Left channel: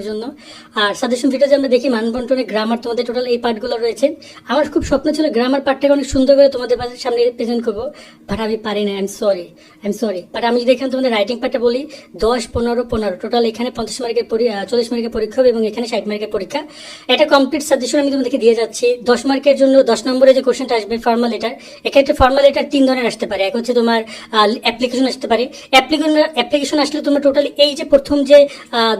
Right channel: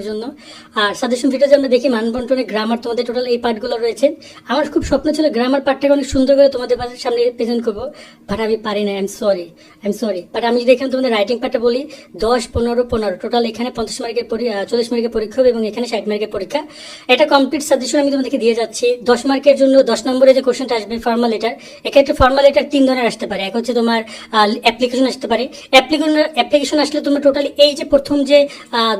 রাখার জন্য। আর সাজেশন ভিডিওতে আমরা দেখি মানবন্টনে গ্রামার তোমাদের টোটাল এই পার্টগুলো রয়েছে। আমার খুব স্বপ্ন ছিল গ্রামার পার্টটাকে অনেক সুন্দর করে তোমাদের সামনে প্রেজেন্ট করবো, বাট আমি পারি না। I am sorry. বাট আমি যদি এখানে তোমাদের রাইটিং পার্টটা বলি 10, 15, 15 টোটাল এখানে 50 মার্কের 40 মার্কের পরীক্ষা হবে এবং এখানে 60 মার্কের পরীক্ষা। এটা কমপ্লিট সাজেশন আমি তোমাদেরকে দিয়ে যাচ্ছি। 10 মার্কের জন্য 10 নম্বরে যে কোশ্চেনটা আসবে ফর্মাল লেটার, এক্ষেত্রে ফর্মাল লেটার 3 ধরনের আসতে পারে। এক হচ্ছে তোমার অ্যাপ্লিকেশন আসতে পারে। অ্যাপ্লিকেশন আসলে তোমরা টোটালি এই যে প্রথম যে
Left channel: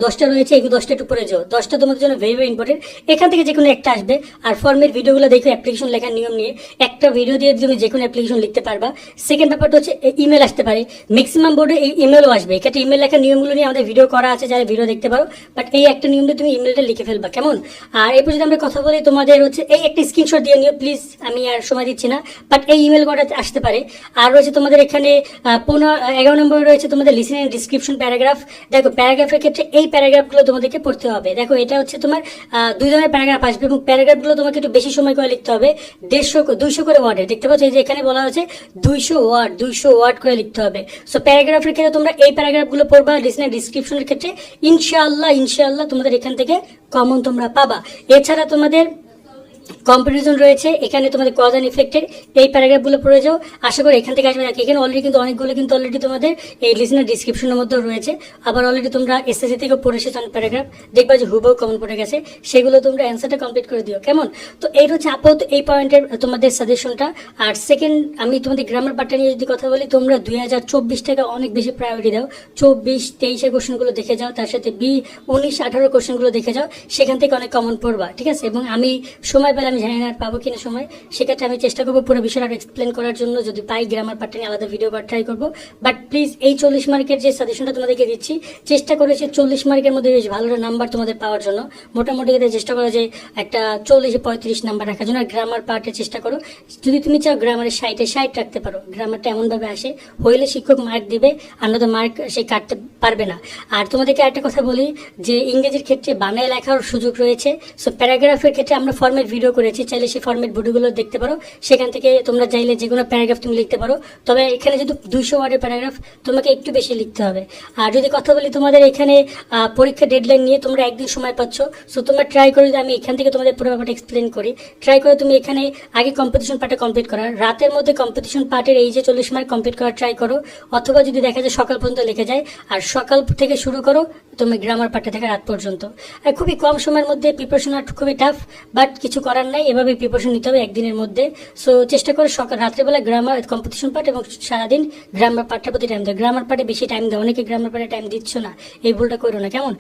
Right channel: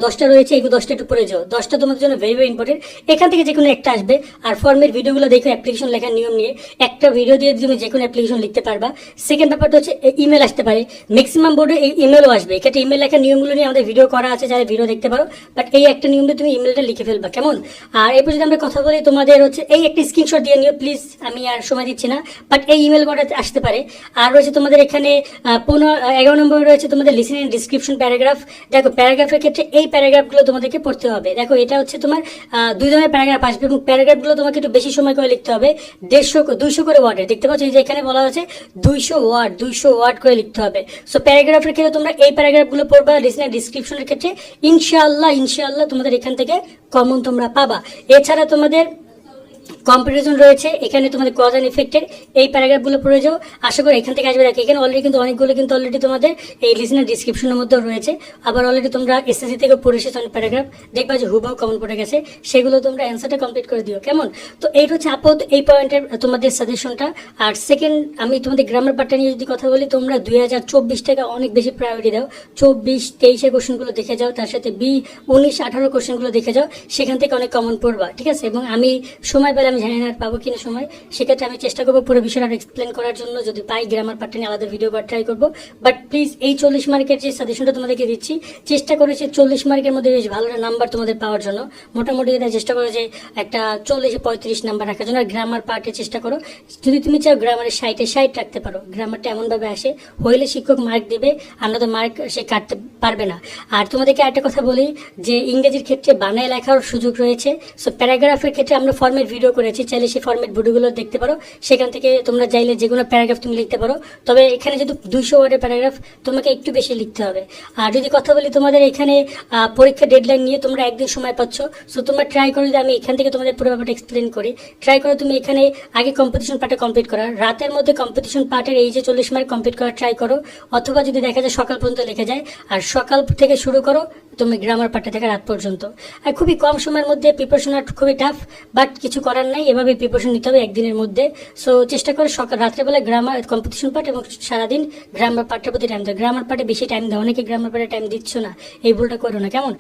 10টা রয়েছে এই 10টা একটু পড়ে যাও। 10টা তোমাদের জন্য ভেরি ইম্পর্টেন্ট। এখান থেকে যে কোনো একটা আসবে। আর ফর্মের ভিডিওগুলো দেখো অ্যাপ্লিকেশন লেখার নিয়ম নিয়ে, একটা ভিডিও দিয়ে তুমি যে কোনো অ্যাপ্লিকেশন লিখতে পারবা। সেকেন্ড ব্যাপারটা হচ্ছে ইমেল আসতে পারে, ম্যাক্সিমাম বোর্ডে ইমেলও আসবে। এক্ষেত্রে ইমেল লেখার নিয়মগুলো নিয়ে আমাদের ভিডিও করা আছে, যারা ভিডিও দেখতে পারো। বাট এই একটা নিয়ম দিয়ে তুমি ইমেলটা লিখে ফেলবা, কেমন? আর এরপর যদি আমরা কথা বলি তোমাদের হচ্ছে এই একটা স্ক্রিনশট দিয়ে নিও প্লিজ, আমি আর সময় দিচ্ছি না। বাট এই ইমেল কটা আসতে পারে। আর রয়েছে তোমাদের এখানে 11 নম্বরে রয়েছে তোমাদের লিসেন এন্ড ডিসক্রিপশন প্যারাগ্রাফ। দেখো প্যারাগ্রাফের ক্ষেত্রে এই প্যারাগ্রাফগুলো তোমাদেরকে পড়তে হবে। দেখো এটা হচ্ছে তোমার 2 ধরনের প্যারাগ্রাফ আসবে এবং প্যারাগ্রাফগুলো তোমাকে একটু বেশি সময় করে লিখতে হবে। 200 করে ওয়ার্ডের, দেখতে পাচ্ছ এই যে এখানে বলা হয়েছে 200 ওয়ার্ড করে লিখতে হবে। সো প্যারাগ্রাফের ক্ষেত্রে তোমরা এই প্যারাগ্রাফগুলো পড়বা। লিসেন এন্ড ডিসক্রিপশনের ক্ষেত্রে ইনশাআল্লাহ তোমাদের এখান থেকে কমন তোমরা পাবা। এছাড়া তোমাদের কম্পারিজন রয়েছে, এখানে তোমাদের কজ অ্যান্ড ইফেক্টের এই প্যারাগ্রাফগুলো পড়ে যাও। আশা করি এখান থেকে আসবে। দেখো এখানে অলরেডি কিন্তু অনেকগুলো কিন্তু অলরেডি তোমাদের এই লিসেনার ডিসক্রিপশনের মধ্যে রয়েছে। আবার অলরেডি তোমরা এসএসসি থেকে পড়ে এসেছো অনেক প্যারাগ্রাফ, দেখবা যে হুবহু কমন পড়ে গেছে। সেগুলো তোমরা অ্যান্সারটা কমপ্লিট করে দিও, কেমন? তো এইটা হচ্ছে আপাতত এই পয়েন্টের তোমাদের সাজেশনটা। আর সেকেন্ড আমি তোমাদের গ্রামার পার্টটা নিয়ে যদি কথা বলি, তোমরা 2024 থেকে অনেক বেশি প্রায়োরিটি দাও। 24, 23 কোশ্চেনগুলো দেখে যাও, তার সাথে 19, 18 কোশ্চেনগুলো দেখে যাও। সেখান থেকে অনেক কমন পড়বা, ঠিক আছে? এবং আমি সময় পেলে, আমি জানি না আর পাবো কিনা সময়, সেক্ষেত্রে আমি চেষ্টা করবো পুরো বিষয়টা এক্সপ্লেন করার জন্য। যদি পাই গ্রামার পার্টটা নিয়ে আলাদা ভিডিও করার ট্রাই করবো। বাট প্লিজ এই 40 মার্কের যে সাজেশনটা তোমাদেরকে দিচ্ছি, চেষ্টা করেছি 40 মার্কের মধ্যে বেশ ভালো নাম্বার তোমাদের পাওয়ার জন্য। মোটামুটি চেষ্টা করো যে একটা 40-35 নাম্বার রাখার জন্য। আর গ্রামার পার্টে চেষ্টা করো, যদি তুমি চাও গ্রামারের 60 রাখতে পারো। গ্রামারটা এমনভাবে আসে হইলে শিক্ষক মার্ক দিবে, আর নয়তো মার্ক সে কাটতে পারবে না। আর তোমাদেরকে একটা কথা বলি যে ইংরেজির ক্ষেত্রে বানায় লেখার সুযোগ রয়েছে। সো প্যারাগ্রাফের ক্ষেত্রে আমরা ফর্মেট ভিডিও করেছি, চাইলে সেই ফর্মেট ভিডিওগুলো দেখতে পারো। সেখান থেকে তোমরা চাইলে যে কোনো প্যারাগ্রাফ তুমি লিখতে পারো। তবে এখানে যেহেতু 200 ওয়ার্ডের প্যারাগ্রাফ, তোমাকে একটু বেশি লিখতে হবে। আর যদি কথা বলি তোমাদের এখানে পরীক্ষা ডেডলাইন নিয়ে, তোমরা একদিন সময় পাচ্ছ। সো তোমরা ট্রাই করে, যদি আমি এখান থেকে তোমাদের পুরো ব্যাপারটা এক্সপ্লেন করি, ট্রাই করে তুমি এখানে আগে কম্পিটিশন পার্টে কমপ্লিট করা, রাতের মধ্যে কম্পিটিশন পার্টের এই যে 40 মার্ক কমপ্লিট করার ট্রাই করো। অথবা যদি দেখা যায় সকাল পর্যন্ত লিখে যায়, আর সকাল থেকে শুরু করো তুমি গ্রামার পার্টে থেকে রাত পর্যন্ত। আর খুবই কম সময়ের মধ্যে প্রিপারেশন আর খুবই টাফ, বাট কিছু করার নাই, এভাবে প্রিপারেশন নিতে হবে একদিনের মধ্যে। সো চেষ্টা করো রাত্রেবেলা গ্রামার কম্পিটিশন পার্ট এবং সারাদিন গ্রামার পার্টটার প্রতি টাইম দাও। গ্রামার পার্টে বেশি টাইম দাও, অনেকে গ্রামার পার্টে টাইম দিচ্ছ না, এই ভুলটা করো না, কেমন?